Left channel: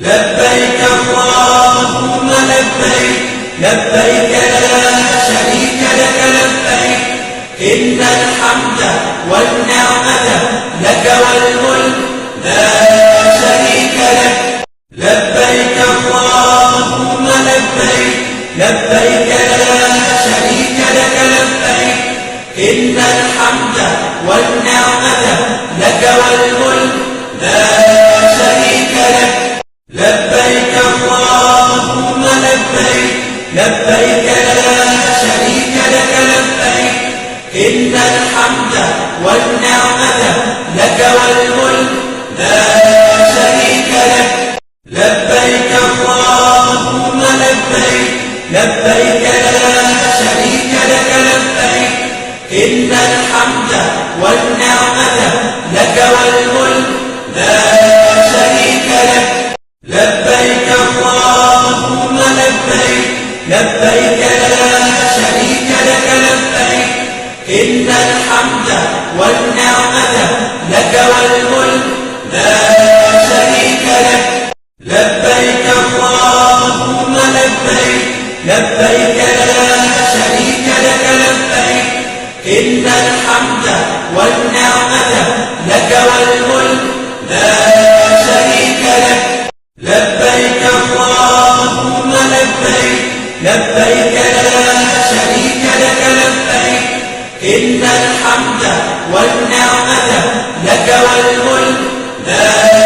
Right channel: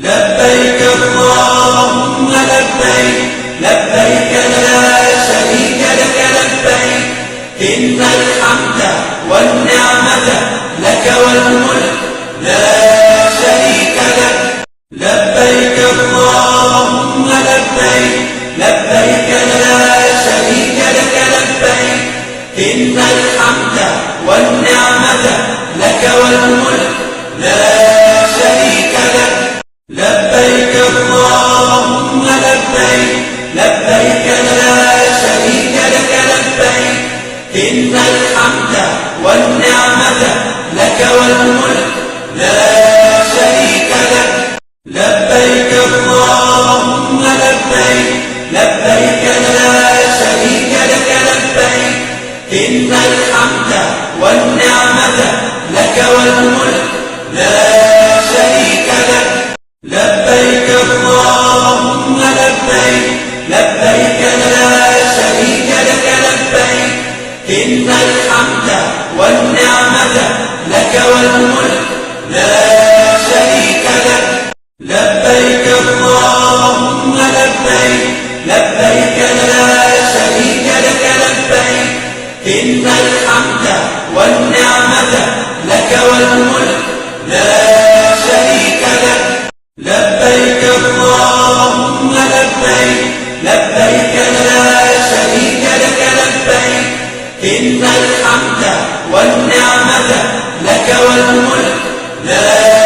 لبيك اللهم لبيك، لبيك لا شريك لك لبيك، إن الحمد والنعمة لك والملك لا شريك لك. لبيك اللهم لبيك، لبيك لا شريك لك لبيك، إن الحمد والنعمة لك والملك لا شريك لك. لبيك اللهم لبيك، لبيك لا شريك لك لبيك، إن الحمد والنعمة لك والملك لا شريك لك. لبيك اللهم لبيك، لبيك لا شريك لك لبيك، إن الحمد والنعمة لك والملك لا شريك لك. لبيك اللهم لبيك، لبيك لا شريك لك لبيك، إن الحمد والنعمة لك والملك لا شريك لك. لبيك اللهم لبيك، لبيك لا شريك لك لبيك، إن الحمد والنعمة لك والملك لا شريك لك. لبيك اللهم لبيك، لبيك لا شريك لك لبيك، إن الحمد والنعمة لك والملك لا